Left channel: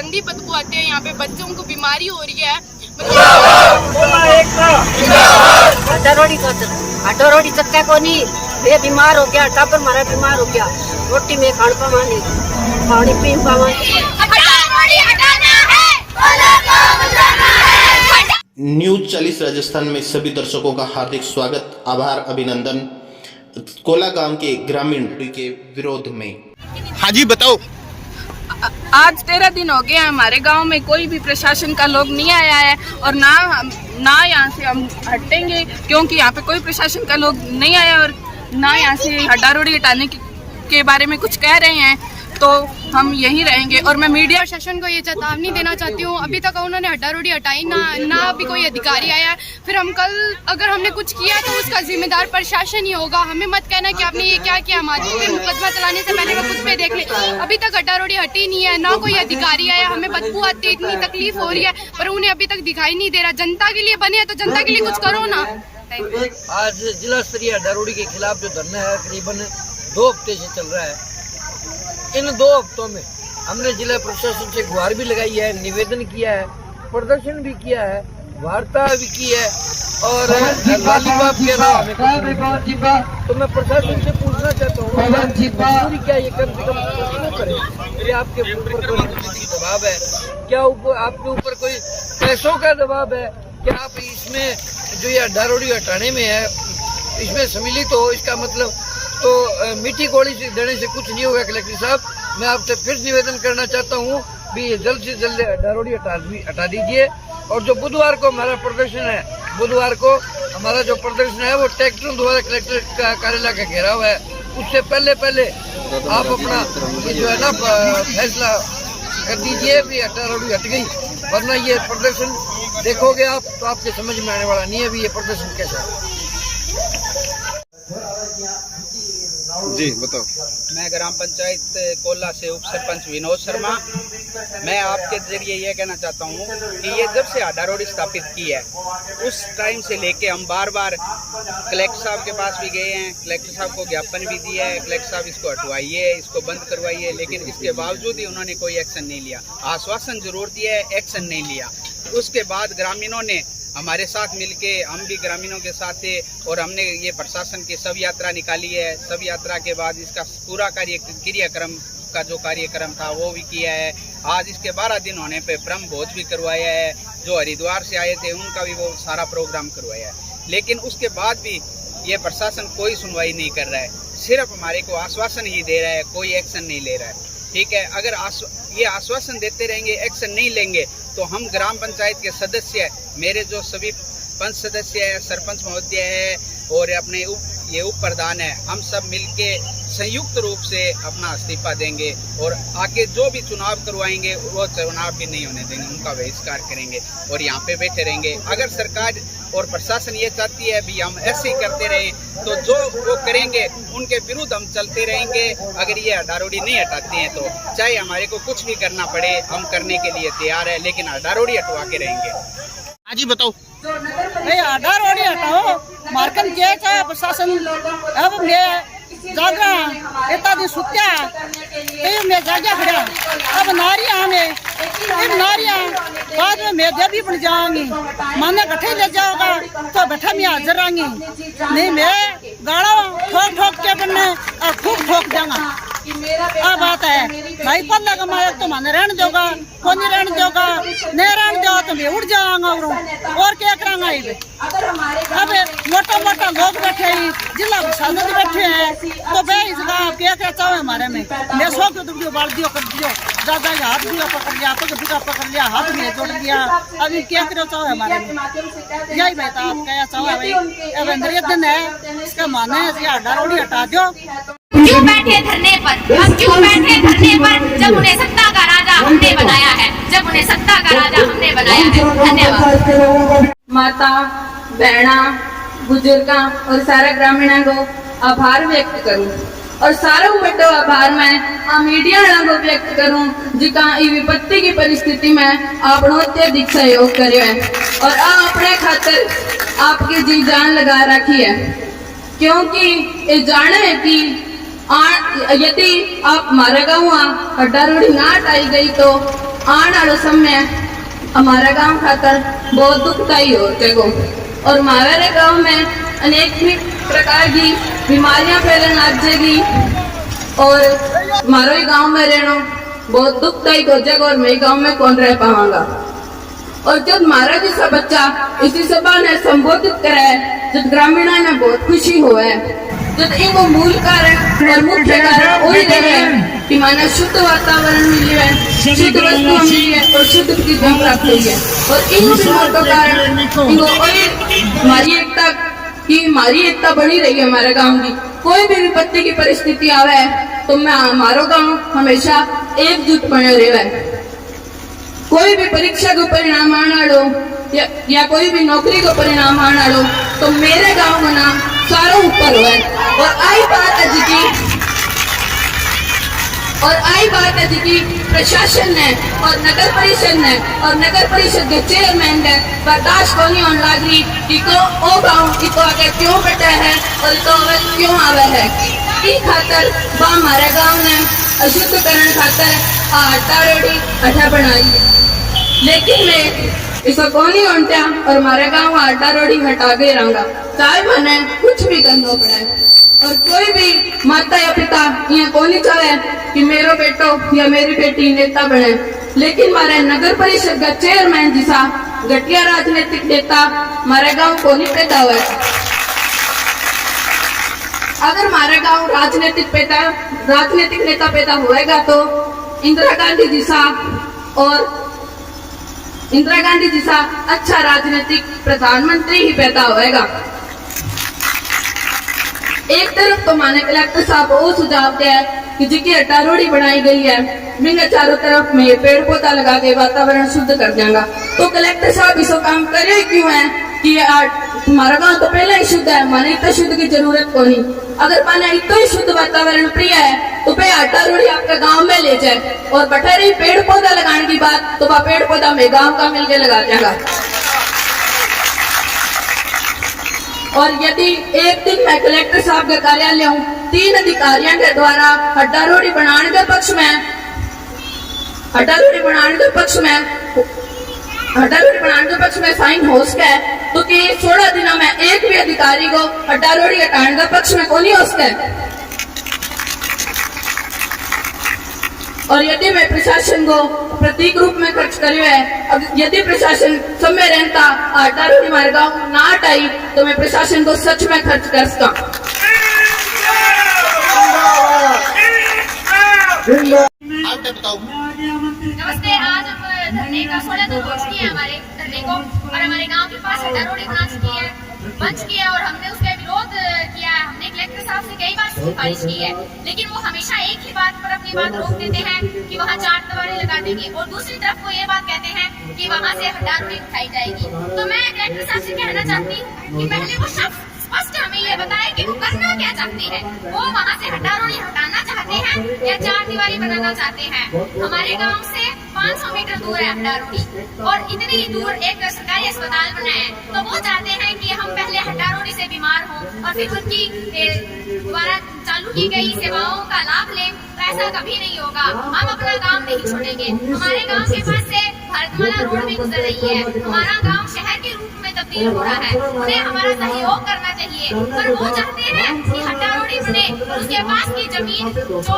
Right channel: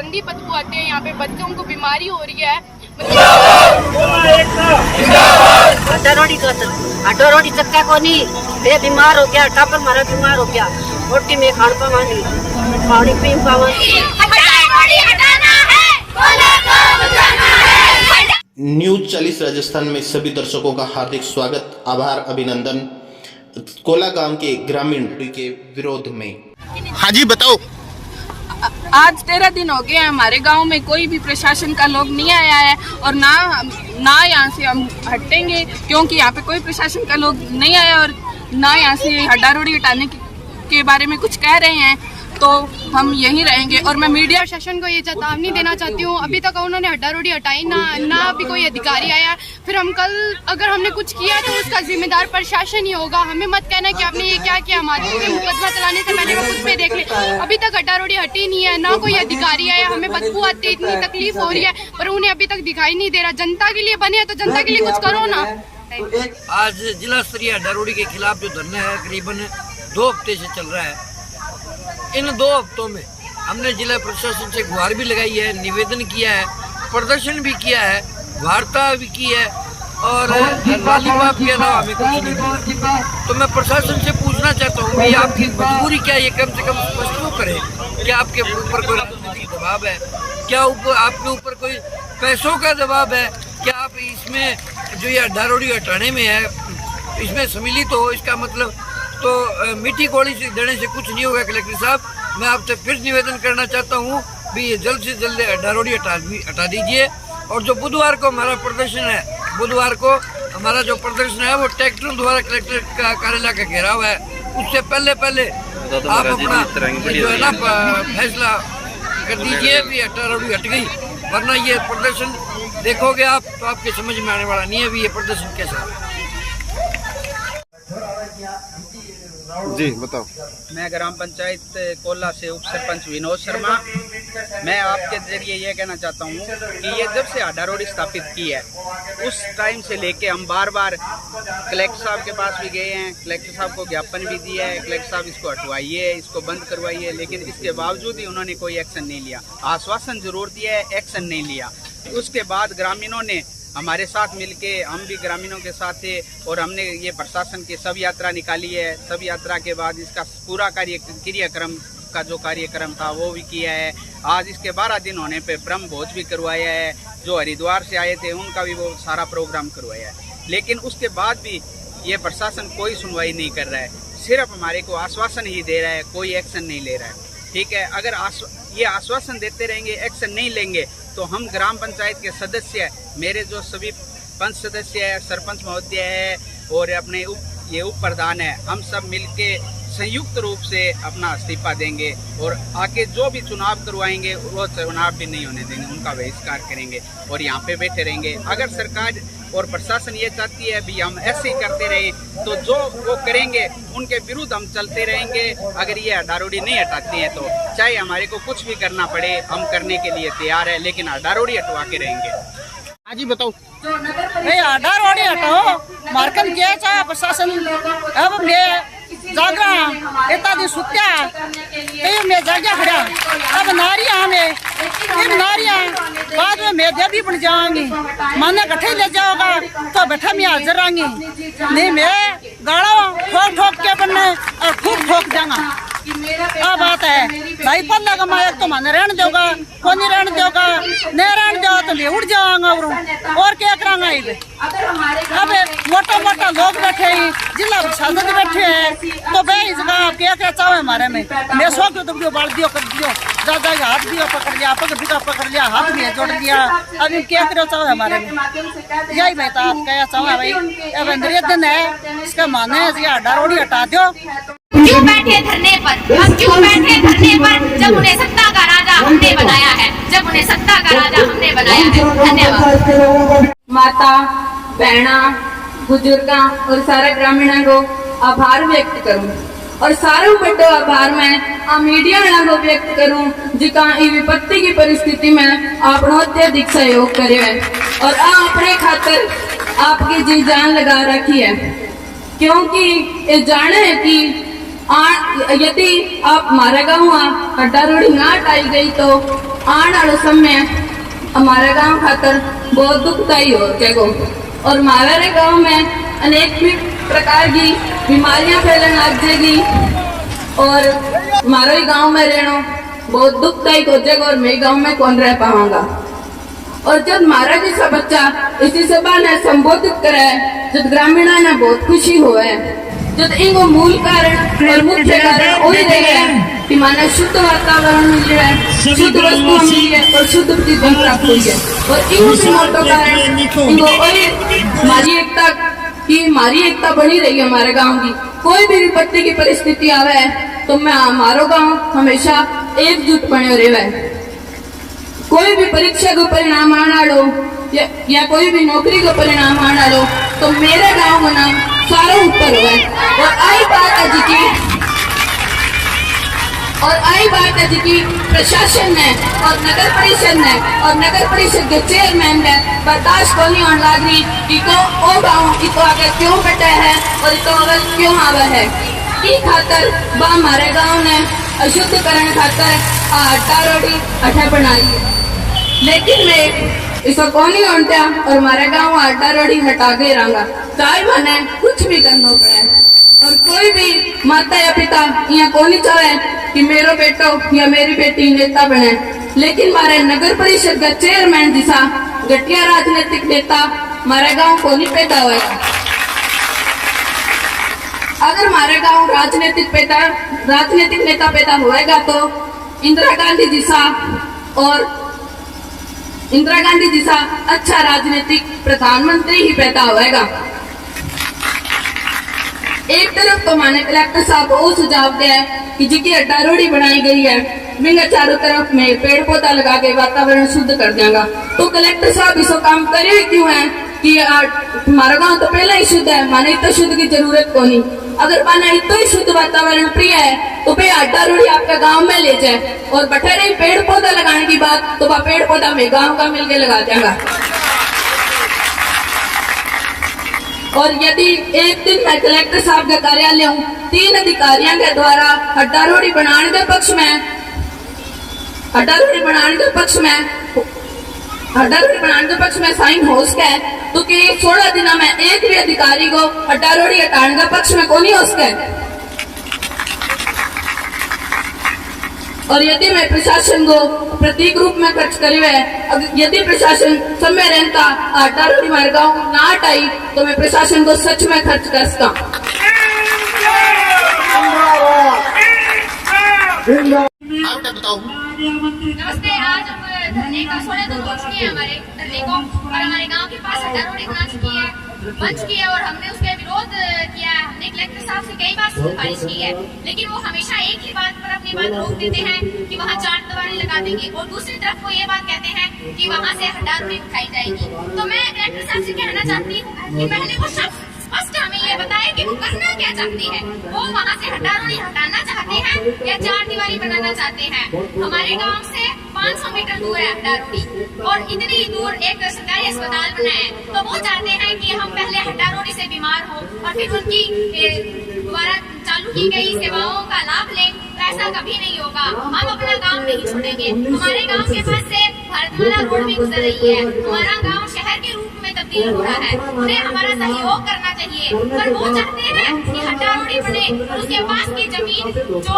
गंदी बदबू आती है, यहाँ पे बच्चों को बीमारी हो रही है। आटो रोटी चक्का को नहीं, वे बीमार हो गया, टापर मारा बीमार हो गया, रोटी में खान पावा नहीं, पानी पी पावा। न्यूज 40 राजस्थान में सभी दर्शकों का हार्दिक स्वागत, आभार, अभिनंदन। कोला गांव के ग्रामीण के विरोध में। हाँ जी बताओ। आज 13 दिन हो गए हैं, हमारे गांव में कोई भी प्रशासन का लोग नहीं आया है और ना यहाँ से हम हटेंगे, क्योंकि यहाँ पे कोई प्रशासन का लोग नहीं आया और ना यहाँ से हड्डा रोड़ी हटाने के बारे में कुछ कह रहे हैं, तो हम यहीं रहेंगे। और मैं मीडिया प्रशासन को ये चेतावनी देना चाहती हूँ, अभी तक उन्होंने हड्डा रोड़ी हटाई ना अभी कोई अधिकारी आया। फिर हम कल अगर हमने कुछ किया तो उसका जिम्मेदार प्रशासन ही होगा। हमें मत कहना कि आपने ये क्या किया, हमारे पे मुकदमा चलाने से पहले वो खुद पे देख ले। अभी तक हड्डा रोड़ी हटी नहीं है, ना कोई अधिकारी आया, हमें बदबू आती है, इतनी तकलीफ हो रही है, पर उन्हें अभी तक दिखाई नहीं दे रहा। जनता के लिए बने हैं तो जनता के लिए कुछ करो ना। आज जिला स्तरीय हड्डा रोड़ी के खिलाफ जो धरना है करीबन 2 हफ्ते से चल रहा है। इन 2 हफ्तों में हमने जिला प्रशासन से गुहार भी लगाई है, निवेदन किया है, प्रदर्शन भी किया है, वार्ता भी की है और लॉलीपॉप के अलावा हमें कुछ नहीं मिला। तो मैं प्रशासन से पूछना चाहता हूँ कि आपकी मजबूरी क्या है, ये कम से कम स्पष्ट तो करें। क्या आपके ऊपर कोई राजनीतिक दबाव है, क्या आपके ऊपर कोई पैसों का दबाव है, क्या आप इसमें जो ये हड्डा रोड़ी हटाने में है इसमें सम्मिलित हो? इसका मतलब तो मीठी गोली से देने से कुछ नहीं होगा। कलेक्टर साहब, मैं आपसे फिर निवेदन करना चाहता हूँ भी ये जल्द से जल्द हड्डा रोड़ी हटा दीजिए। और जो बुधवार को हमारा प्रदर्शन है, बुधवार को हमारा जो प्रदर्शन है वो ट्रैक्टरों द्वारा कलेक्टर का कार्यालय का घेराव है, उससे पहले आप अपना जो है ना फैसला कर दीजिए भी हड्डा रोड़ी हट गई, वरना ये प्रदर्शन देखोगे आप तो आपके समझ में आने वाला नहीं है भी ये प्रदर्शन कैसा है। जी बताओ। मैं ग्राम पंचायत कोला से उप सरपंच विनोद शर्मा। मैं आपके जरिए ये कहना चाहता हूँ कि ये जब से हड्डा रोड़ी स्थापित की है उस टाइम से लेके हम बार कलेक्टर साहब के पास भी गए हैं, कलेक्टर साहब को ज्ञापन भी दिया है, कलेक्टर साहब इसको हटवाइए, इसको बंद करवाइए, लेकिन इसके बावजूद ही उन्होंने कोई एक्शन नहीं लिया। आश्वासन जरूर दिया है, एक्शन नहीं लिया। उसके बाद ग्रामीणों ने हमारे साथ मिलके, हम भी ग्रामीणों के साथ थे और हमने ये प्रशासन की सब यात्रा निकाली है। सब यात्रा के बाद इसका पूरा क्रियाक्रम का जो कार्यक्रम था वो भी किया है। आज इसके 12 दिन होने पे ब्रह्म भोज भी करवाया है, जो हरिद्वार से आए थे उनका भी वो सारा प्रोग्राम करवाया है। लेकिन उसके बाद भी ये प्रशासन कोई सुनवाई नहीं कर रहा है, सिर्फ हमारे को आश्वासन ही दे रहा है, कोई एक्शन नहीं ले रहा है। ठीक है, अगर ये आश्वासन देते रहेंगे, एक्शन नहीं लेंगे, तो हम ग्राम पंचायत के सदस्य, मेरे जो सभी पंच सदस्य है, सरपंच महोदय है और अपने ये उप प्रधान है, हम सब मिलके संयुक्त रूप से अपना इस्तीफा देंगे और आगे जो भी चुनाव करवाएंगे वो चुनाव भी नहीं होने देंगे, उनका बहिष्कार करेंगे और यहाँ पे बैठे रहेंगे। अगर सरकार और प्रशासन ये चाहती है भी हम ऐसे ही करते रहें, तो जो वो करेंगे उनके विरुद्ध हम चलते रहेंगे। अगर ये हड्डा रोड़ी नहीं हटाते हैं तो चाहे हमारे को कुछ भी करना पड़े, हम करने के लिए तैयार है, लेकिन हड्डा रोड़ी हटवा के रहेंगे। हाँ जी बताओ। हड्डा रोड़ी हटाओ, मार्कन किया चाहे प्रशासन। अब मैं जागरा इतना दिन सुत्या तो मैं जाग्या खड़ा। अब नारियां में बाद में मैं देवी बन जाऊंगी, माने कट्ठे ले जाओगा तो बैठा मैं हाजिर आऊंगी, नहीं मैं गाड़ा ठोक के बनने और खूब ठोक जाऊंगा। अब बात है भाई, पल्ला कमाया तो माने रहने दोगा, कौन नहीं रहने दोगा, नहीं रहने दो तो मैं उड़ जाऊंगा और क्या करांगा। अब मोटा लोग बैठे हैं, जिला प्रशासन बैठे हैं, तो भाई इस जगह आप क्या क्या चाहो हमारे में। मैं सो क्यों तुम बाल दियो कर दियो, दादा का हाथ दिया पकड़ लिया, पकड़ लिया, हाथ में जोड़ दिया। अब इन क्या करो चाहो हमारे में, यही भाई तो आप क्या चाहो भाई। अब अंदर दिन है, इसका माने हड्डा रोड़ी हटा दो। क्यों बैठे धरने पर, हम क्यों बैठे धरने पर, जब उन्हें सत्ता का राजा हमने बनाया है, जब उन्हें सत्ता का राजा हमने बनाया है। धन्यवाद। माता बहना बुजुर्ग और सारे ग्रामीणों को आभार व्यक्त करूं और सारों बड़ो आभार मैं मीडिया वालों को व्यक्त करूं जिका विपत्ति की परिस्थिति में आपनो अत्यधिक सहयोग करे है और अपने खातर आपकी जी जान लगा रखी है, क्योंकि ये जाने है कि यदि आप हमारे गाँव हड्डारोड़ी ना हटाई गई तो आने वाले समय हमारे गांव खातर बहुत दुखदायी हो जाएगा और हमारे गांव में अनेक प्रकार की बीमारियां फैलने लग जाएगी और हमारे गांव में रहना बहुत दुखदायी हो जाएगा और मैं गांव में कौन रह पाऊंगा। और जब हमारा जैसा बच्चा इसी सभा ने संबोधित करे, जब ग्रामीणों ने बहुत खुशी हुए, जब इनको मूल कारण और मुख्य कारण वही रहे कि माना शुद्ध वातावरण मिल रहा है, शुद्ध वस्तु मिली है और शुद्ध चीजें प्राप्त हुई है और इन मोटो कारण इनको वही हमारी एकता बनी रही है। हमारे गांव की कोई भी विपत्ति की परिस्थिति आवे तो मैं हमारो गांव हमेशा एकजुट बने रहे। कोई भी परीक्षा को परिणाम आना लो या कोई भी नौकरी को परिणाम आना लो तो मेरे गांव का नाम सारा ऊपर हुआ है। और आई बात है जी प्रशासन ने और नगर परिषद के चेयरमैन ने बर्दाश्त को नहीं होने लग रही कि ओ गाँव इसको आगे क्यों बैठा है और इसको आगे क्यों आवे है की खातर हमारे गाँव ने अशुद्धकरण खातर हड्डारोड़ी हटा बनाई है। लेकिन मैं इसको कौन नहीं होता और हमारे गाँव में हड्डारोड़ी हटा के रहूंगा, चाहे मैंने कुछ भी करना पड़े। और कोई भी माता या पिता यहाँ कौन नहीं चाहे कि मेरा बेटो या मेरी बेटी नेता बने, लेकिन हमारे नगर परिषद का चेयरमैन जैसा घटिया राजनीतिक नेता हमारे गाँव को नहीं पैदा हुआ। अगर हमारे गाँव राजनीतिक नेता पैदा होएगा तो इंदिरा गांधी जैसा अच्छा राजनीतिक प्रधानमंत्री ही पैदा होएगा। एक तरफ तो माने कलेक्टर साहब वो सुझाव दिया है कि जिसकी हड्डारोड़ी बनाई गई है बिना चारों तरफ में पेड़ पौधा लगा के वातावरण शुद्ध कर देगा, तो कलेक्टर साहब इसको काम करे क्यों है कि हमारा गांव तो पहले ही शुद्ध है, माने इतना शुद्ध की जरूरत को नहीं। अगर माने इतना ही शुद्ध वातावरण प्रिय है तो फिर हड्डारोड़ी आपका गांव में ले जाए और बैठा रही पेड़ पौधा लगाने की बात तो वह पेड़ पौधा में गांव का मिलके लगा देगा। और यदि एक दिन मैं कलेक्टर साहब के कार्यालय हूँ 3 अधिकारियों के द्वारा हड्डारोड़ी बनाने के पक्ष में साइन हो सके तो कि 16 दिनों में एक भी अधिकारी को हड्डारोड़ी हटाने के पक्ष में कौन ही हो सके। और यदि मैं प्रशासन को प्रतीक रूप में खर्च करे है, यदि प्रशासन समय रहता हड्डारोड़ी हमारे गाँव ना हटाई तो मैं प्रशासन को सच में खर्च कर सकता। आप बताओ। नमस्ते। आज हम धरने का 16 दिन हो चुके हैं हमारे धरने को और हमारे गांव के पास हड्डारोड़ी बन चुकी है और हमने उसका विरोध किया है। हमने कलेक्टर साहब से कई बार सिफारिश की है, लेकिन वो हमेशा एक ही बात पर अपनी बात रोक देते हैं कि वहाँ 4 दीवारें लगा देंगे और दूसरी तरफ वो ये बात कहते हैं कि वहाँ से हड्डारोड़ी उठाई जाएगी। तो मैं कलेक्टर साहब से कहना चाहती हूँ कि पहले वो शख्स स्पष्ट हमें ये बताए कि वो करना क्या चाहते हैं। वो वहाँ से हड्डारोड़ी हटाना चाहते हैं या 4 दीवारी बनाना चाहते हैं। हमारे गाँव से 500 मीटर दूर है हड्डारोड़ी और इतनी ही दूर एक सरकारी अस्पताल बना है, तो वो चाहते हैं कि हम पहले हड्डारोड़ी से बीमार हो और फिर उनकी द्वारा चालू की गई सेवाओं का लाभ लें। तो ऐसा कभी नहीं होगा, हम अपना गांव नहीं छोड़ेंगे। हमारे गांव के पास से भारतमाला रोड भी गुजर रही है, हमारा गांव शहर के रूप में तब्दील हो रहा है, उन्हें हमारा सहयोग करना चाहिए। पर वो चाहते हैं कि हड्डारोड़ी बने और उसके पास की जमीन जो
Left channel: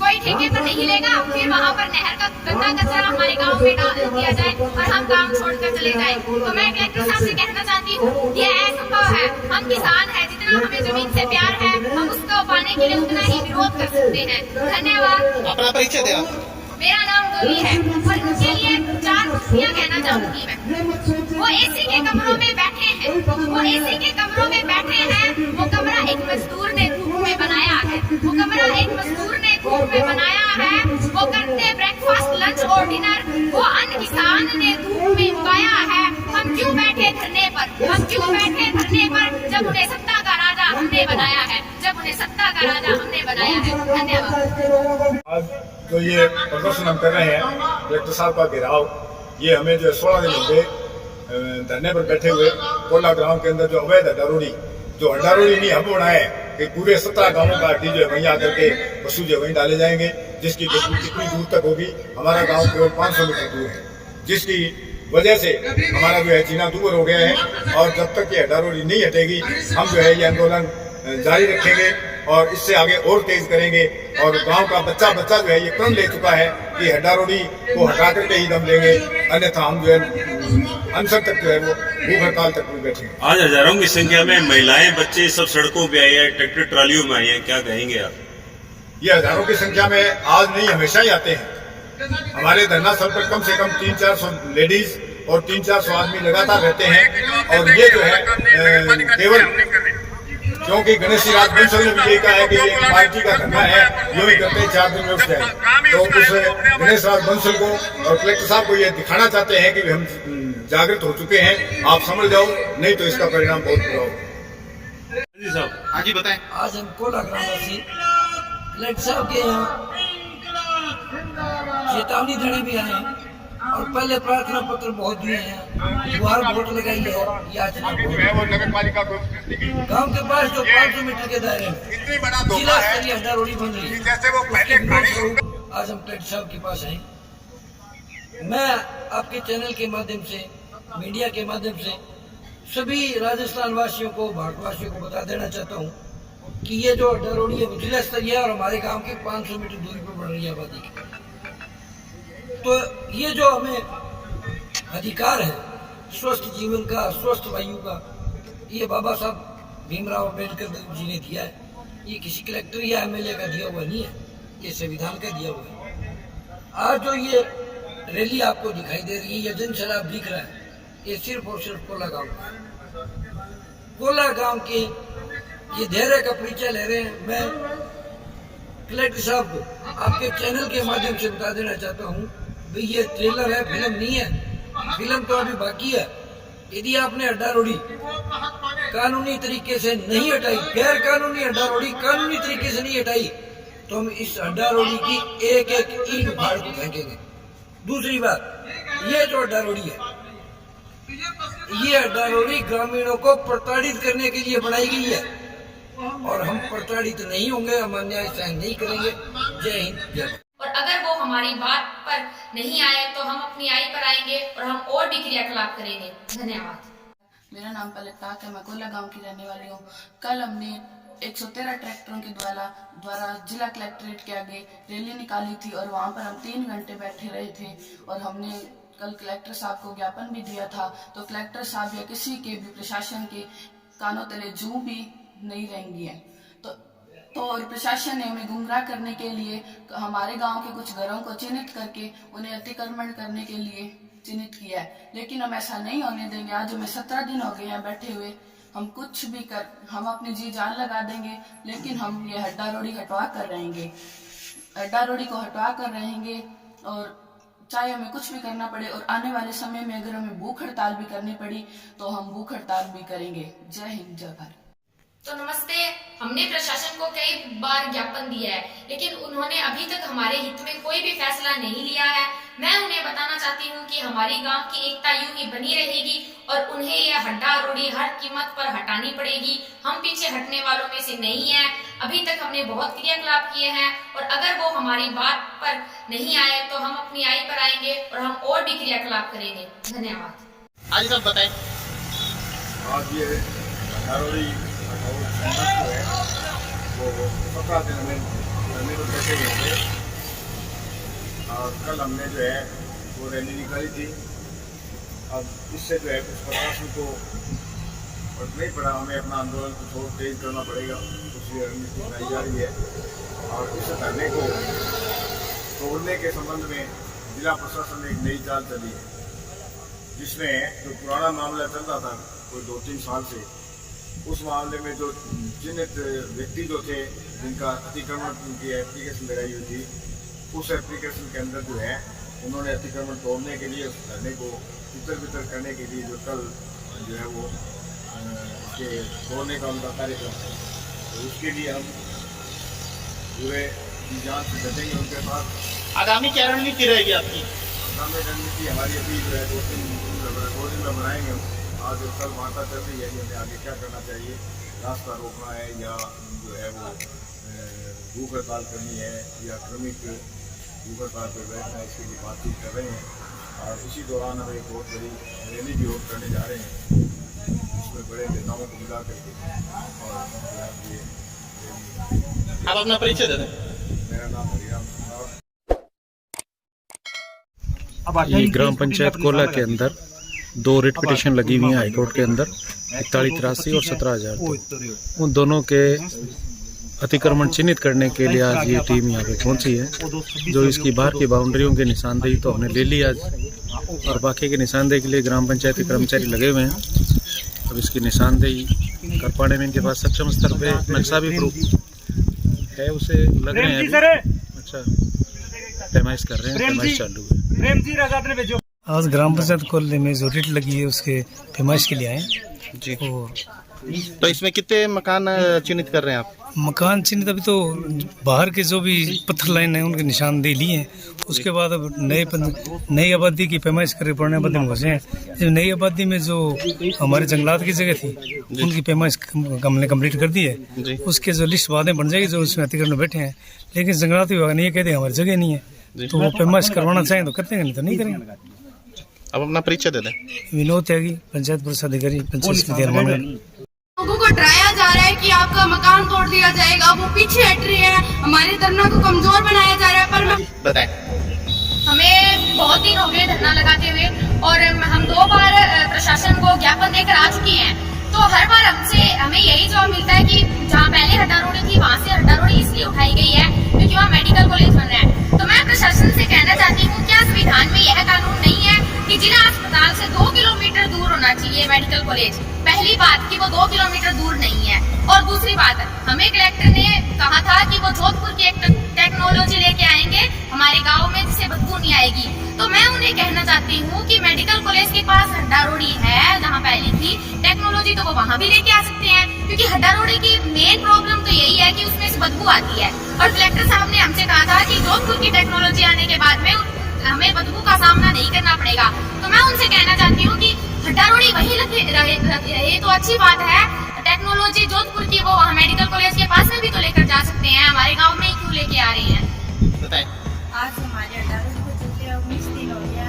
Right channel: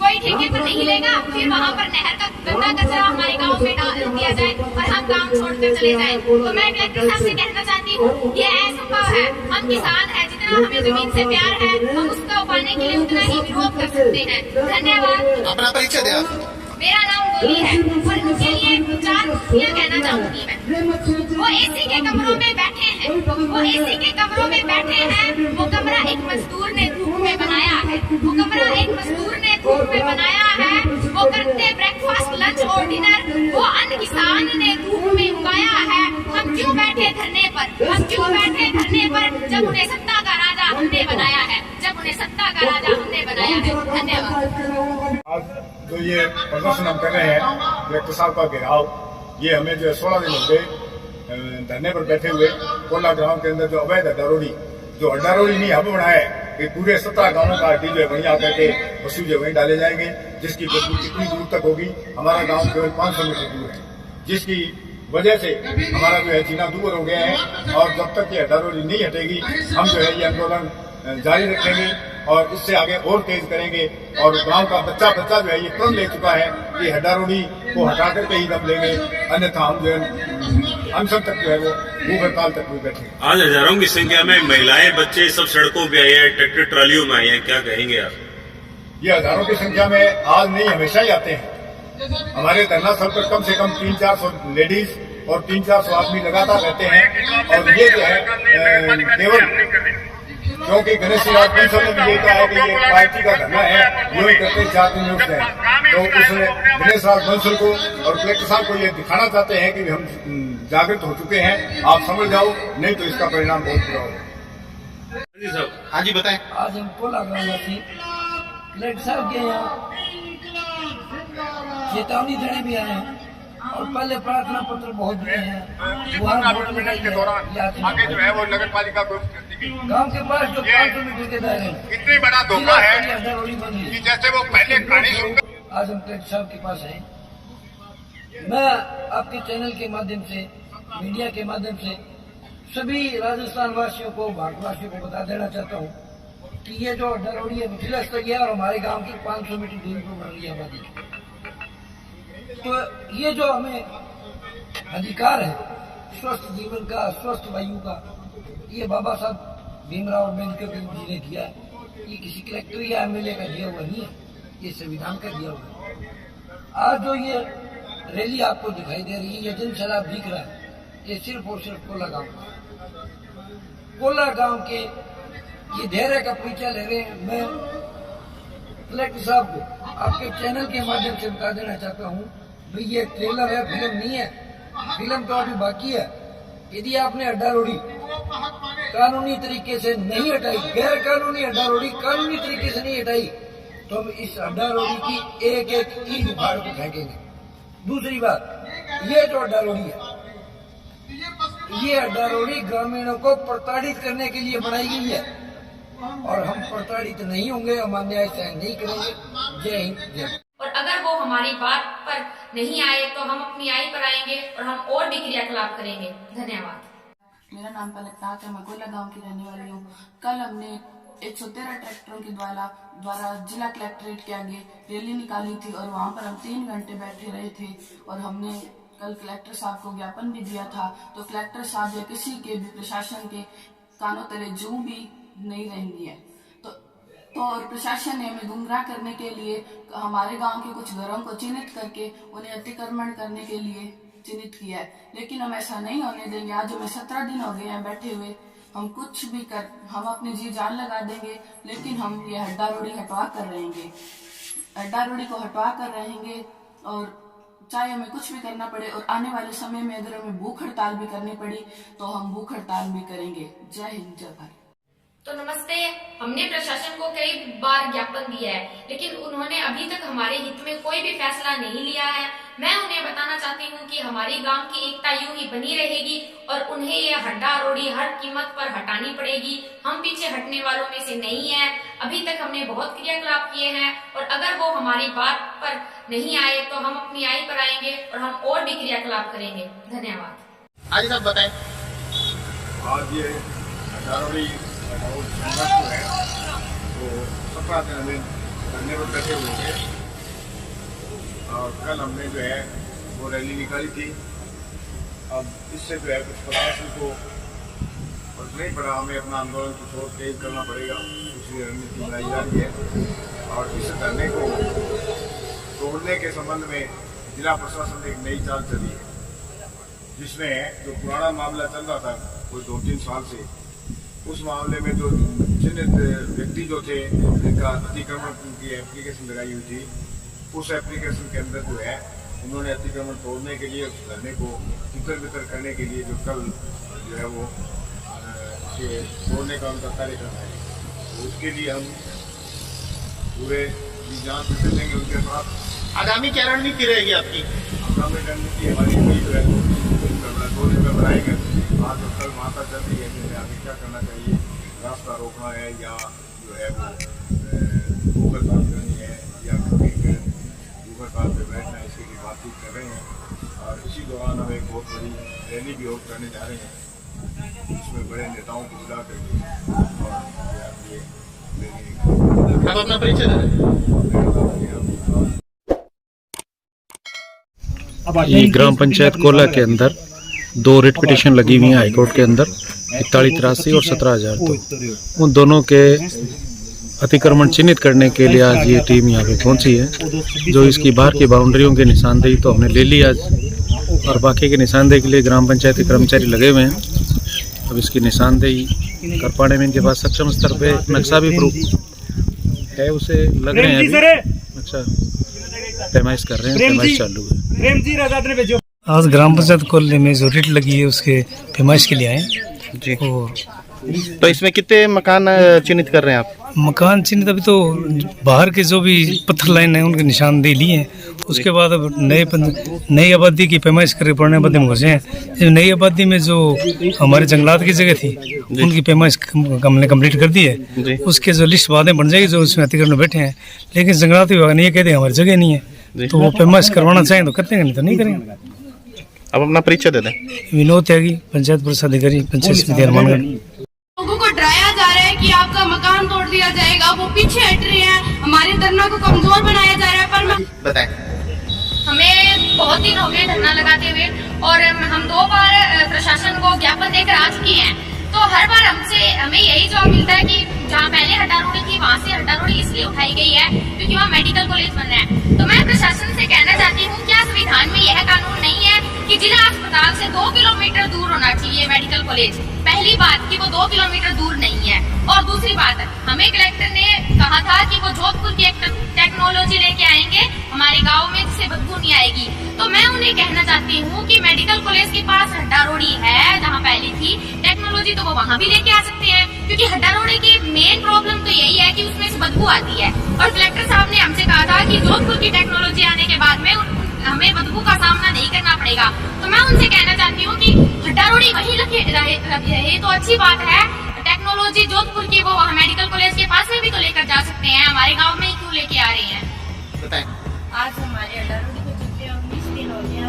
कोई ठेके पर नहीं लेगा, फिर वहाँ पर नहर का गंदा कचरा हमारे गांव में डाल दिया जाए और हम गांव छोड़कर चले जाए। तो मैं कलेक्टर साहब से कहना चाहती हूँ ये असंभव है। हम किसान हैं, जितना हमें जमीन से प्यार है हम उसको पाने के लिए उतना ही विरोध कर सकते हैं। धन्यवाद। अपना परिचय दे आप। मेरा नाम गोली है और उनके लिए 4 कुर्सियाँ कहना चाहूंगी मैं। वो एसी के कमरों में बैठे हैं, वो कमरा एक मजदूर ने धूप में बनाया है, वो करते ब्रेकफास्ट लंच और डिनर वो अन्न किसान ने धूप में उगाया है। हम क्यों बैठे धरने पर जब उन्हें सत्ता का राजा हमने बनाया है। धन्यवाद। आज जो ये प्रदर्शन हम कर रहे हैं कलेक्टर साहब का घेराव, ये हमें जो 16 दिन हो गए धरने पर बैठे हुए। कोला ग्राम के अंदर जो अवैध हड्डारोड़ी नहीं हब बनाया है कि पूरे 17 गांवों का अड्डी जो है वहीं आकर के पशु जो है वहीं डाले जाएंगे, जिसकी कितनी दूर तक होगी। हमारा गांव केवल 500 मीटर दूर है, जिसकी वजह से हमारा जो है जीना दूर हो गया है। और जब तक ये हड्डा रोड़ी नहीं हटेगी, हम जो है ये आंदोलन जारी रखेंगे और इससे आगे और तेज करेंगे। और गांव का बच्चा जो है ये प्रण ले चुका है कि हड्डा रोड़ी को हटा करके ही दम लेंगे, अन्यथा हम जो है अनशन तक जो है वो भूख हड़ताल तक भी बैठे। आज हजारों की संख्या में महिलाएं, बच्चे सब सड़कों पे आए हैं, ट्रैक्टर ट्रालियों में आए हैं, क्या कहेंगे आप? ये हजारों की संख्या में आज नहीं, हमेशा ही आते हैं। हमारे धरना स्थल पर कम से कम 300-400 लेडीज और 300-400 आदमी लगातार रहते हैं। और ये जो है केवल क्योंकि गणेश राज बंसल ने भी यही कहा है कि ये एक पार्टी का धरना है, यूं ही करते 4 दिन में उठ जाए। तो उस गणेश राज बंसल को और कलेक्टर साहब को ये दिखाना चाहते हैं कि हम जागृत हो चुके हैं, आप समझ जाओ, नहीं तो इसका परिणाम बहुत बुरा होगा। जी साहब, हाँ जी बताएं। आज हम कोला ग्रामवासी कलेक्टर साहब के यहाँ चेतावनी देने भी आए हैं और पहले प्रार्थना पत्र बहुत दिए हैं, गुहार वोट लगाई है। आगे जो है वो नगर पालिका को गांव के पास जो 500 मीटर के दायरे में इतनी बड़ा धोखा है हड्डा रोड़ी बन रही है, जैसे वो पहले कहानी आज हम कलेक्टर साहब के पास आए। मैं आपके चैनल के माध्यम से, मीडिया के माध्यम से सभी राजस्थान वासियों को, भारतवासियों को बता देना चाहता हूँ कि ये जो हड्डा रोड़ी है वो जिला स्तरीय है और हमारे गांव के 500 मीटर दूरी पर बढ़ रही है आबादी की। तो ये जो हमें अधिकार है स्वस्थ जीवन का, स्वस्थ वायु का, ये बाबा साहब भीमराव अम्बेडकर जी ने दिया है। ये किसी कलेक्टर या एमएलए का दिया हुआ नहीं है, ये संविधान का दिया हुआ है। आज जो ये रैली आपको दिखाई दे रही है, ये जनसैलाब दिख रहा है, ये सिर्फ और सिर्फ कोला गांव का है। कोला गांव के ये धैर्य का परिचय ले रहे हैं। मैं कलेक्टर साहब को आपके चैनल के माध्यम से बता देना चाहता हूँ, भाई ये ट्रेलर है, फिल्म नहीं है, फिल्म तो अभी बाकी है। यदि आपने हड्डा रोड़ी कानूनी तरीके से नहीं हटाई, गैर कानूनी हड्डा रोड़ी कानूनी तरीके से नहीं हटाई, तो हम इस हड्डा रोड़ी की एक एक ईंट उखाड़ को फेंकेंगे। दूसरी बात, ये जो हड्डा रोड़ी है, ये हड्डा रोड़ी ग्रामीणों को प्रताड़ित करने के लिए बनाई गई है और हम प्रताड़ित नहीं होंगे, हम अन्याय सहन नहीं करेंगे। जय हिंद, जय भारत। और अगर वो हमारी बात पर नहीं आए तो हम अपनी आई पर आएंगे और हम और भी क्रियाकलाप करेंगे। धन्यवाद। मेरा नाम पलक ताक है, मैं कोला गांव की रहने वाली हूँ। कल हमने 113 ट्रैक्टरों के द्वारा जिला कलेक्ट्रेट के आगे रैली निकाली थी और वहाँ पर हम 3 घंटे बैठे रहे थे और हमने कल कलेक्टर साहब को ज्ञापन भी दिया था। तो कलेक्टर साहब या किसी के भी प्रशासन के कानों तले जूं भी नहीं रहेंगी है। तो और प्रशासन ने हमें गुमराह करने के लिए हमारे गांव के कुछ घरों को चिन्हित करके उन्हें अतिक्रमण करने के लिए चिन्हित किया है, लेकिन हम ऐसा नहीं होने देंगे। आज हमें 17 दिन हो गए हैं बैठे हुए, हम कुछ भी हम अपनी जी जान लगा देंगे, लेकिन हम ये हड्डा रोड़ी हटवा कर रहेंगे, हड्डा रोड़ी को हटवा कर रहेंगे। और चाहे हमें कुछ भी करना पड़े और आने वाले समय में अगर हमें भूख हड़ताल भी करनी पड़ी तो हम भूख हड़ताल भी करेंगे। जय हिंद, जय भारत। तो नमस्ते। हमने प्रशासन को कई बार ज्ञापन दिया है, लेकिन उन्होंने अभी तक हमारे हित में कोई भी फैसला नहीं लिया है। मैं उन्हें बताना चाहती हूँ कि हमारी गांव की एकता यूं ही बनी रहेगी और उन्हें यह हड्डा रोड़ी हर कीमत पर हटानी पड़ेगी। हम पीछे हटने वालों में से नहीं है। अभी तक हमने बहुत क्रियाकलाप किए हैं और अगर वो हमारी बात पर नहीं आए तो हम अपनी आई पर आएंगे और हम और भी क्रियाकलाप करेंगे। धन्यवाद। आज सब बताएं। आज ये हड्डा रोड़ी और संघर्ष जो है वो 17 दिन हमें धरने पर बैठे हुए थे और कल हमने जो है वो रैली निकाली थी। अब इससे जो है कुछ प्रशासन को फर्क नहीं पड़ा, हमें अपना आंदोलन कुछ और तेज करना पड़ेगा, उसकी रणनीति बनाई जा रही है। और इस धरने को तोड़ने के संबंध में जिला प्रशासन ने एक नई चाल चली है, जिसमें जो पुराना मामला चल रहा था कोई 2-3 साल से, उस मामले में जो चिन्हित व्यक्ति जो थे जिनका अतिक्रमण की एप्लीकेशन लगाई हुई थी, उस एप्लीकेशन के अंदर जो है उन्होंने अतिक्रमण तोड़ने के लिए, उस धरने को तितर बितर करने के लिए जो कल जो है वो इसके तोड़ने का उनका कार्यक्रम है, तो उसके लिए हम पूरे जान से चलेंगे उनके साथ। आगामी क्या रणनीति रहेगी आपकी? आगामी रणनीति हमारी भी जो है 2 दिन में बनाएंगे। आज और कल वार्ता चल रही है कि हमें आगे क्या करना चाहिए, रास्ता रोकना है या जो है वो भूख हड़ताल करनी है या क्रमिक भूख हड़ताल पर बैठना है, इसके लिए बातचीत कर रहे हैं। और इसी दौरान हम एक बहुत बड़ी रैली भी करने जा रहे हैं, इसमें बड़े नेताओं को बुला करके और ये रैली। आप अपना परिचय दे दें। ये ग्राम पंचायत कोला के अंदर 2 रिट पिटीशन लगी हुई हैं हाईकोर्ट के अंदर 4183 और 17002। उन दोनों के अतिक्रमण चिन्हित करने के लिए आज ये टीम यहाँ पे पहुंची है। जो इसकी बाहर की बाउंड्रियों की निशानदेही तो हमने ले ली आज, और बाकी की निशानदेही के लिए ग्राम पंचायत के कर्मचारी लगे हुए हैं। अब इसकी निशानदेही कर पाने में इनके पास सक्षम स्तर पे नक्शा भी प्रूफ है, उसे लग रहे हैं अभी। अच्छा, पैमाइश कर रहे हैं, पैमाइश चालू है। आज ग्राम पंचायत कॉलोनी में जो रिट लगी है उसके पैमाइश के लिए आए जी। और तो इसमें कितने मकान चिन्हित कर रहे हैं आप? मकान चिन्हित अभी तो बाहर के जो भी पत्थर लाइन है उनके निशानदेही लिए हैं। उसके बाद अब नई आबादी की पैमाइश कर पुराने आबादी में घुसे हैं। नई आबादी में जो हमारे जंगलात की जगह थी उनकी पैमाइश हमने कंप्लीट कर दी है। उसके जो लिस्ट बाद में बन जाएगी जो उसमें अतिक्रमण में बैठे हैं, लेकिन जंगलात विभाग ने ये कहते हैं हमारी जगह नहीं है, तो वो पैमाइश करवाना चाहें तो करते हैं, नहीं तो नहीं करेंगे। अब अपना परिचय दे दें। विनोद त्यागी, पंचायत परिषद अधिकारी, पंचायत समिति हनुमानगढ़। लोगों को डराया जा रहा है कि आपका मकान तोड़ दिया जाएगा, वो पीछे हट रहे हैं, हमारे धरना को कमजोर बनाया जा रहा है। पर बताएं। हमें बहुत दिन हो गए धरना लगाते हुए और हम 2 बार प्रशासन को ज्ञापन देकर आ चुके हैं। तो हर बार हमें यही जवाब मिलता है कि जहाँ पहले हड्डा रोड़ी थी वहाँ से हड्डा रोड़ी इसलिए उठाई गई है क्योंकि वहाँ मेडिकल कॉलेज बन रहा है। तो मैं प्रशासन से कहना चाहती हूँ, क्या संविधान में यह कानून नहीं है कि जिला अस्पताल से 2 किलोमीटर दूर होना चाहिए मेडिकल कॉलेज? पहली बात कि वो 2 किलोमीटर दूर नहीं है, और दूसरी बात हमें कलेक्टर ने कहा था कि वो जोधपुर की एक टेक्नोलॉजी लेके आएंगे हमारे गाँव में जिससे बदबू नहीं आएगी। तो मैं उन्हें कहना चाहती हूँ कि मेडिकल कॉलेज के पास हड्डा रोड़ी है जहाँ पहली थी, टेक्नोलॉजी तो वो वहाँ भी लेके आ सकते हैं, क्योंकि हड्डा रोड़ी की मेन प्रॉब्लम तो यही है कि उसमें से बदबू आती है। और कलेक्टर साहब ने हमसे कहा था कि जोधपुर की टेक्नोलॉजी आने के बाद में हमें बदबू का सामना नहीं करना पड़ेगा। तो मैं उनसे कहना चाहती हूँ कि हड्डा रोड़ी वहीं रहे तो अच्छी बात है, टेक्नोलॉजी जोधपुर की वो वहाँ मेडिकल कॉलेज के पास में भी तो लेकर जा सकते हैं, हमारे गाँव में ही क्यों लेके आ रहे हैं? बताएं। आज हमारे हड्डा रोड़ी को चलते 19 दिन हो गया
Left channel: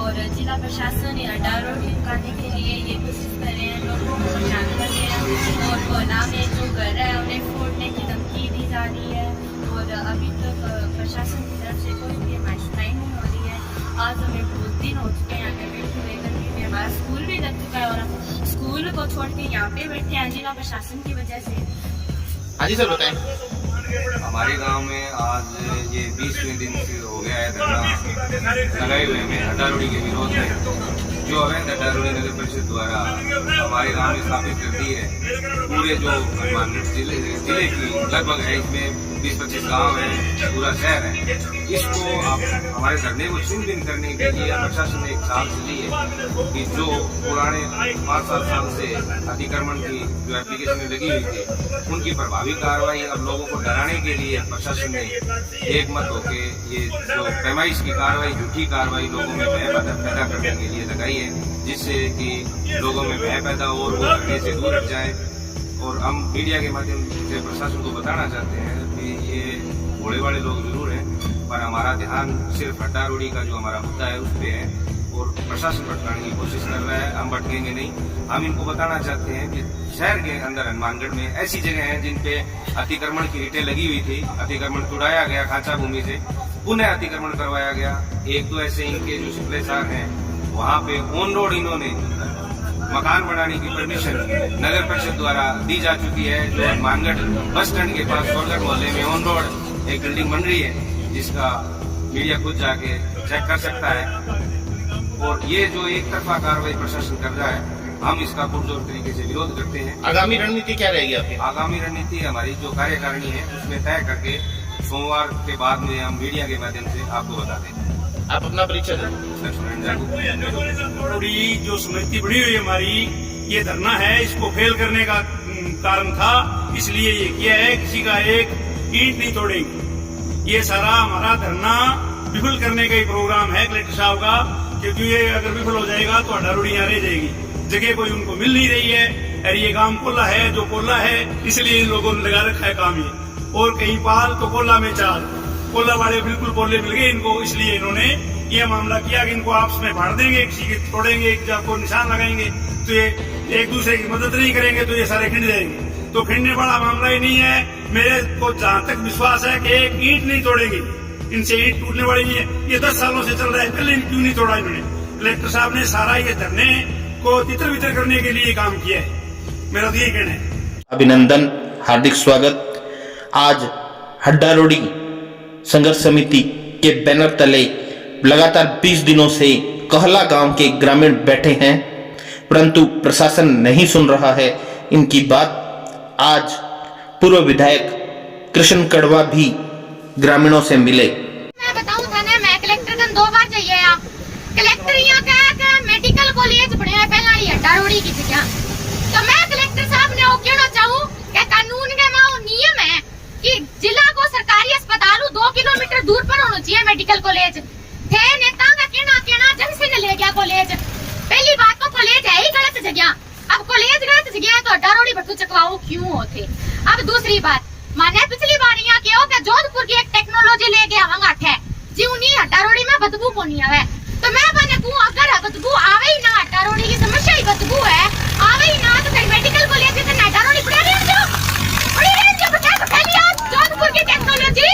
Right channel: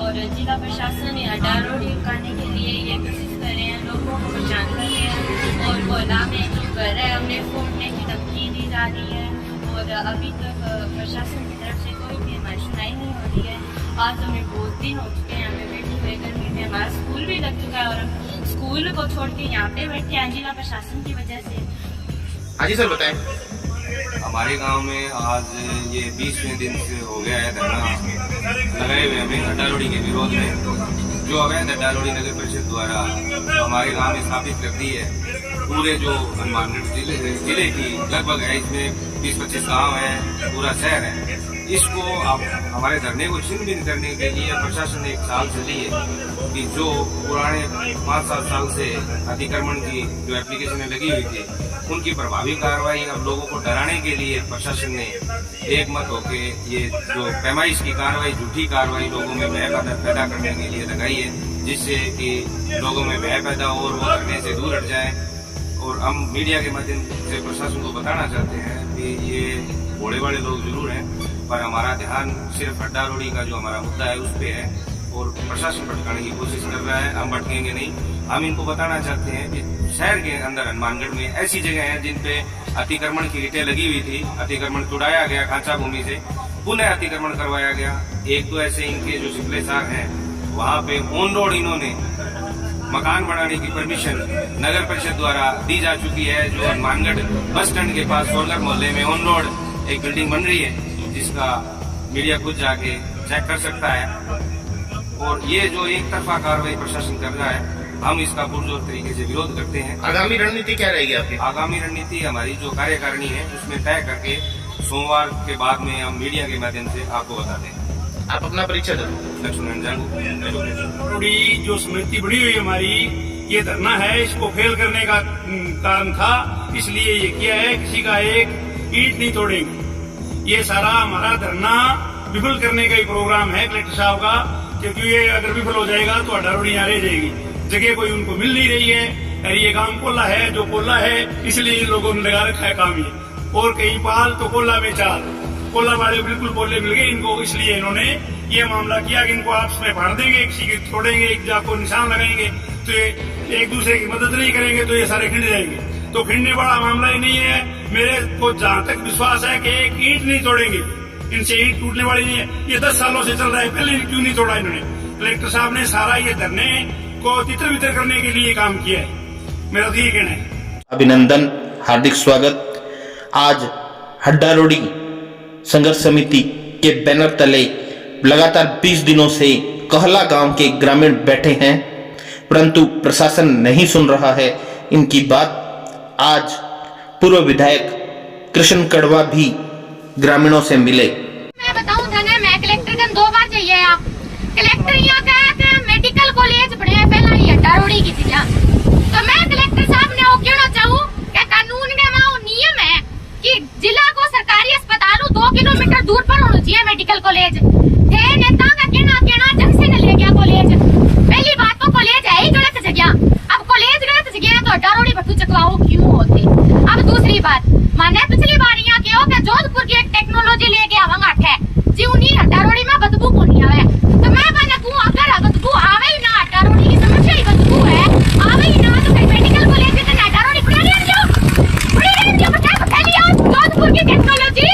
और जिला प्रशासन हड्डा रोड़ी रुकाने के लिए ये कोशिश कर रहे हैं, लोगों को परेशान कर रहे हैं। और कोला में जो घर है उन्हें फोड़ने की धमकी दी जा रही है और अभी तक प्रशासन की तरफ से कोई भी हमारी सुनाई नहीं हो रही है। आज हमें बहुत दिन हो चुके हैं यहाँ पे बैठे हुए, गर्मी में हमारा स्कूल भी लग चुका है और हम स्कूल को छोड़ के यहाँ पे बैठे हैं जिला प्रशासन की वजह से। हाँ जी सर, बताएं। हमारे गांव में आज ये 20वें दिन से हो गया है धरना लगाए हुए हमें हड्डा रोड़ी के विरोध में। जो अवैध हड्डा रोड़ी नगर परिषद द्वारा हमारे गांव में स्थापित कर दी है, पूरे जो हनुमानगढ़ जिले की लगभग है, इसमें 20-25 गाँव हैं, पूरा शहर है। इसको हमारे धरने को छिन्न भिन्न करने के लिए प्रशासन ने 1 साल से ली है कि जो पुराने 5-7 साल से अतिक्रमण की जो एप्लीकेशनें लगी हुई थी उनकी प्रभावी कार्रवाई अब लोगों को डराने के लिए प्रशासन ने एक मत होके ये जो पैमाइश की कार्रवाई, झूठी कार्रवाई लोगों में भय पैदा करने के लिए लगाई है, जिससे कि लोगों में भय पैदा हो और वो धरने से दूर हट जाए। और हम मीडिया के माध्यम से प्रशासन को बताना चाहते हैं कि ये भोले वाले लोग जरूर हैं, पर हमारा ध्यान सिर्फ हड्डा रोड़ी का जो हमारा मुद्दा है उस पर है और प्रशासन भटकाने की कोशिश कर रहा है। हम भटकेंगे नहीं। हम इनको बताना चाहते हैं कि शहर के अंदर हनुमानगढ़ में ऐसी जगह हैं जिन पे अतिक्रमण की रिटें लगी हुई थी, अतिक्रमण तुड़ाया गया खांचा भूमि से, पुनः अतिक्रमण करवाया गया। 1-2 ऐसे इनके जो शिकलेसार हैं वहाँ पे ऑन रोड इन्होंने मकान बनाने की परमिशन नगर परिषद द्वारा दी जा चुकी है। जो हनुमानगढ़ बस स्टैंड के पास सोरगढ़ मोहल्ले में ऑन रोड एक बिल्डिंग बन रही है, जिसका मीडिया खुद जाके चेक कर सकता है। और ये जो एक तरफा कार्रवाई प्रशासन कर रहा है, हम इसका पुरजोर तरीके से विरोध करते हैं। आगामी रणनीति क्या रहेगी आपकी? आगामी रणनीति हमारी जो कार्यकारिणी है उसमें तय करके सोमवार के बाद में हम मीडिया के माध्यम से आपको बता दें। आप अपना परिचय दें। लक्ष्मण जागू। रोड़ी जो समिति बनी हुई हमारी, ये धरना है, इसको फेल करने का कारण था, इसलिए ये किया है। किसी का एक ईंट नहीं तोड़ेंगे। ये सारा हमारा धरना विफल करने का ही प्रोग्राम है कलेक्टर साहब का, क्योंकि ये अगर विफल हो जाएगा तो हड्डा रोड़ी यहाँ रह जाएगी। जगह कोई उनको मिल नहीं रही है। अरे ये काम कोल्ला है, जो कोल्ला है इसलिए इन लोगों ने लगा रखा है काम ये। और कहीं पाल तो कोल्ला में चाल, कोल्ला वाले बिल्कुल पोले मिल गए इनको, इसलिए इन्होंने ये मामला किया कि इनको आपस में फाड़ देंगे, किसी की तोड़ेंगे, एक को निशान लगाएंगे, तो ये एक दूसरे की मदद नहीं करेंगे तो ये सारे खिंड जाएंगे। तो खिंडने वाला मामला ही नहीं है। मेरे को जहाँ तक विश्वास है कि एक ईंट नहीं तोड़ेंगे, इनसे ईंट टूटने वाली नहीं है। ये 10 सालों से चल रहा है, पहले क्यों नहीं तोड़ा इन्होंने? कलेक्टर साहब ने सारा ये धरने को तितर बितर करने के लिए काम किया है, मेरा तो ये कहना है। अभिनंदन, हार्दिक स्वागत। आज हड्डा रोडी संघर्ष समिति के बैनर तले लगातार 20 दिनों से कहला गांव के ग्रामीण बैठे हैं, परंतु प्रशासन नहीं सुन रहा है इनकी बात। आज पूर्व विधायक कृष्ण कड़वा भी ग्रामीणों से मिले। मैं बताऊं था ना, मैं कलेक्टर कन 2 बार जाइए यहाँ। कलेक्टर यहाँ का मेडिकल कॉलेज बने हैं पहला ही हड्डा रोडी की जगह। तो मैं कलेक्टर साहब ने वो कहना चाहूँ कि कानून का में वो नियम है कि जिला को सरकारी अस्पताल 2 किलोमीटर दूर पर होना चाहिए मेडिकल कॉलेज। थे नेता का कहना जंग से न ले गया कॉलेज। पहली बात तो कॉलेज है ही गलत जगह। अब कॉलेज गलत जगह है तो हड्डा रोडी बट्टू चकवाओ क्यों होती। अब दूसरी बात, माने पिछली बार यहाँ के हो कि जोधपुर की एक टेक्नोलॉजी लेके आवांगा है जी, उन्हीं हड्डा रोडी में बदबू को नहीं आवे। तो मैं बने कहूँ अगर बदबू आवे ही ना, हड्डा रोडी की समस्या ही बदबू है, आवे ही ना तो फिर मेडिकल कॉलेज के हड्डा रोडी पड़े रहने जो बता लिया जोधपुर की टेक्नोलॉजी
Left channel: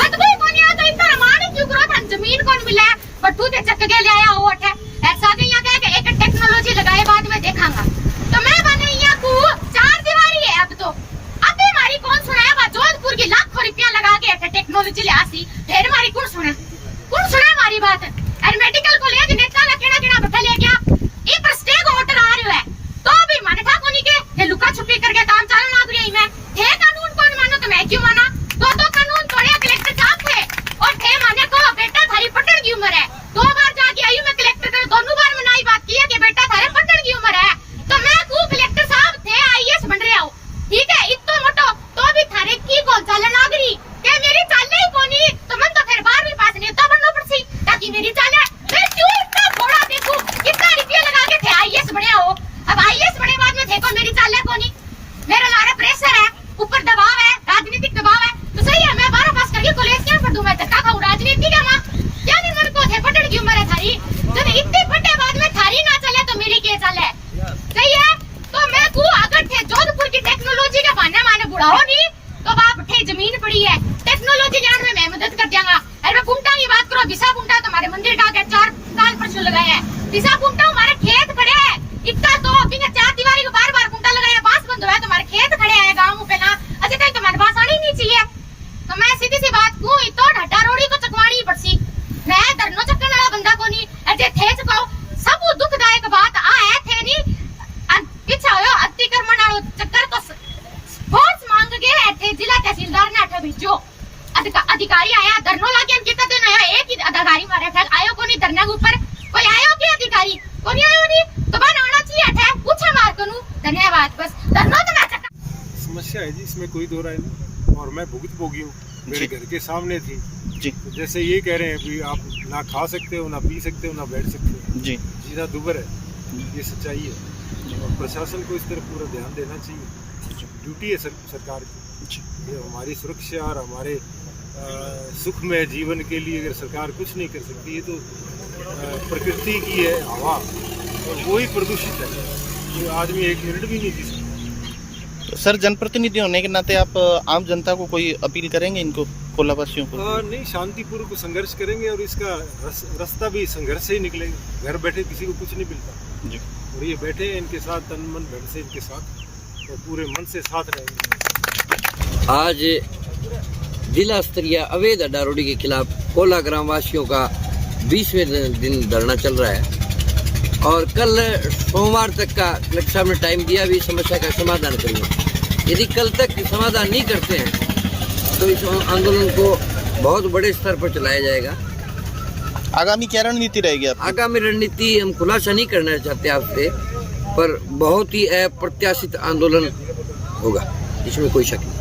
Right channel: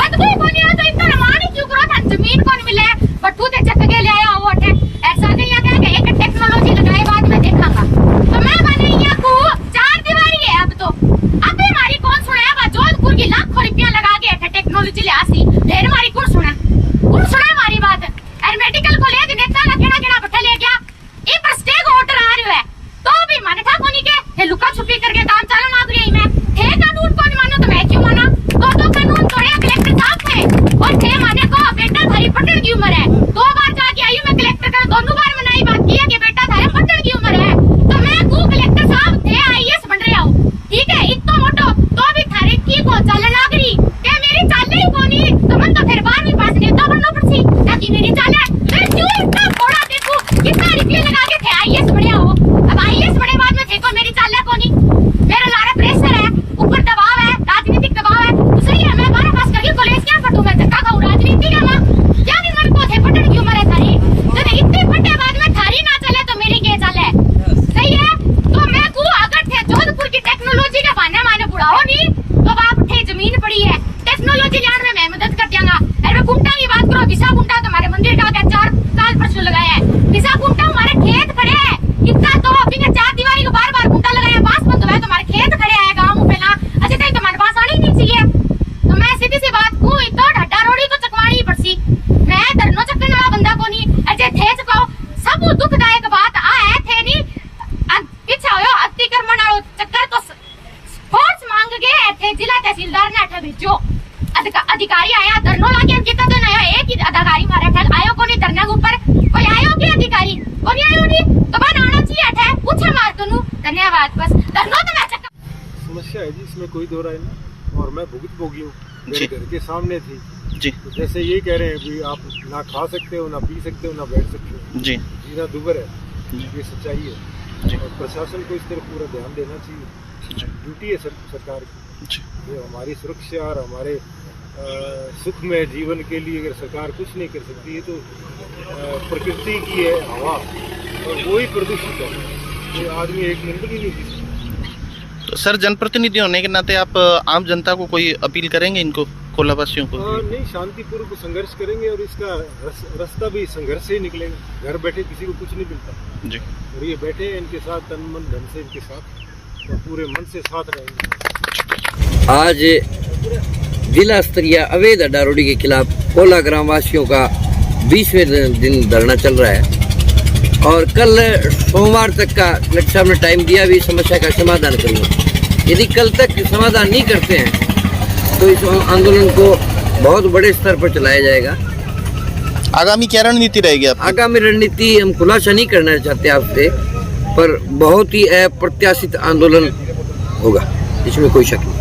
बदबू को नहीं आ तो इतना रमानी क्यों करो था, जमीन कौन मिले बट्टू ते चक के ले आया वो है। ऐसा नहीं है कि एक टेक्नोलॉजी लगाए बाद में देखांगा। तो मैं बने यहाँ को 4 दीवारी है अब तो। अब हमारी कौन सुना, जोधपुर की लाखों रुपया लगा के टेक्नोलॉजी ले आसी, फिर हमारी कौन सुना हमारी बात। और मेडिकल कॉलेज नेता ना केड़ा बैठा ले गया, ये पर स्टेक होटल आ रही है तो भी माने था कोनी के लुका छुपी करके काम चलन आ गई। मैं थे कानून कौन मानो तो मैं क्यों माना? तो कानून तोड़े कलेक्टर साहब थे और थे माने को बेटा थारी पटन की उम्र है। 2 बार जाके आई मैं कलेक्टर कर, दोनों बार मैंने बात की है कि बेटा थारे पटन की उम्र है। तो मैं को कलेक्टर साहब थे आईएएस बन रहे हो, ठीक है, इतना मोटो तो भी थारे की को चलन आ गई के मेरी चाले ही कोनी तो मन तो फिर 12वीं पास नेता बनना पड़सी ताकि मेरी चाले फिर क्यों इतना थोड़ा देखो कितना रुपया लगा के थे आईएएस बने हो। अब आईएएस बने बाद में देखो मेरी चाले कोनी, मेरे लारे प्रेशर है, ऊपर दबाव है, राजनीतिक दबाव है। तो सही है मैं 12 पास करके कॉलेज क्या पढ़ूं, मैं धक्का खाऊं राजनीति का मां क्या नहीं। मन को थे पटन की उम्र है थारी, जब इतने बड़े बाद में थारी ना चले तो मेरी के चले, सही है। तो मैं को अगर थे जोधपुर की टेक्नोलॉजी के बहाने माने बुढ़ाओ नहीं तो बाप थे जमीन पड़ी है टेक्नोलॉजी जान में मैं मदद कर दूंगा। अरे मैं कुंटा की बात करो, विसा कुंटा तुम्हारे मंदिर का 4 साल परसों लगाया है, विसा कुंटा हमारे खेत खड़े है इतना तो अभी ने 4 दीवारी को बार कुंटा लगाया, बास बंद हुआ तुम्हारे खेत खड़े है गाँव में पहला अजय तक तुम्हारे पास आनी नहीं चाहिए। तो मैं सीधी सी बात को तो हड्डा रोडी तो चकवानी पड़सी, मैं धरनो चक्कन वाला बंदा को नहीं अजय थे चकाओ। सब दुखदायक बात आ है थे नहीं पीछा हो अतिक्रमण वालो चक्कर तो फोर्स मांग गए थे, जिला तहसीलदार ने अठा भेजो अधिकारी आया धरनो लाके कितना दिन आया, एक ही अधिकारी मारे थे आयो को नहीं धरने के ऊपर कोई आयो के अधिकारी को नहीं आयो नहीं तो बन आना चाहिए थे पूछा मार तनु धन्यवाद बस धरनो तो मैं चक्कर समस्या है जी, इसमें कोई दो राय नहीं। और मैं भुगत भोगी हूँ, मेरे घर के सामने थी जी। तो जैसे ये कह रहे हैं भी आप ना खा सकते हो, ना पी सकते हो, ना बैठ सकते हो जी, जीना दुबर है, ये सच्चाई है। और प्रशासन को इस तरफ पूरा ध्यान देना चाहिए, ड्यूटी है सरकार की। ये हमारी सुरक्षा और हमारे सुखमय जीवन के लिए अगर सरकार कुछ नहीं कर सकती, ये तो प्रकृति की है हवा और वो ही प्रदूषित है, ये आदमी 1 मिनट भी नहीं जी सकता। तो सर जनप्रतिनिधि होने के नाते आप आम जनता को कोई अपील करेंगे इनको कोलावासियों को? नहीं, शांतिपूर्वक संघर्ष करेंगे और इसका रास्ता भी संघर्ष से ही निकलेगा। घर बैठे किसी को कुछ नहीं मिलता जी, और ये बैठे इनके साथ तन मन धन से इनके साथ और पूरे मन से साथ रहेंगे। आज जिला स्तरीय अवैध हड्डा रोडी के खिलाफ कोला ग्राम वासियों का 20वें दिन धरना चल रहा है और कल सोमवार तक का कलेक्टर साहब ने टाइम दिया भी समस्या का समाधान करूँगा। यदि कल तक समाधान नहीं करते हैं तो इस आंदोलन को बहुत बड़े स्तर पर चलाया जाएगा। आगामी क्या रणनीति रहेगी आप? आगामी रणनीति हम खुलासा नहीं करना चाहते आपसे, पर बहुत ही अप्रत्याशित आंदोलन होगा, इसमें कोई शक नहीं।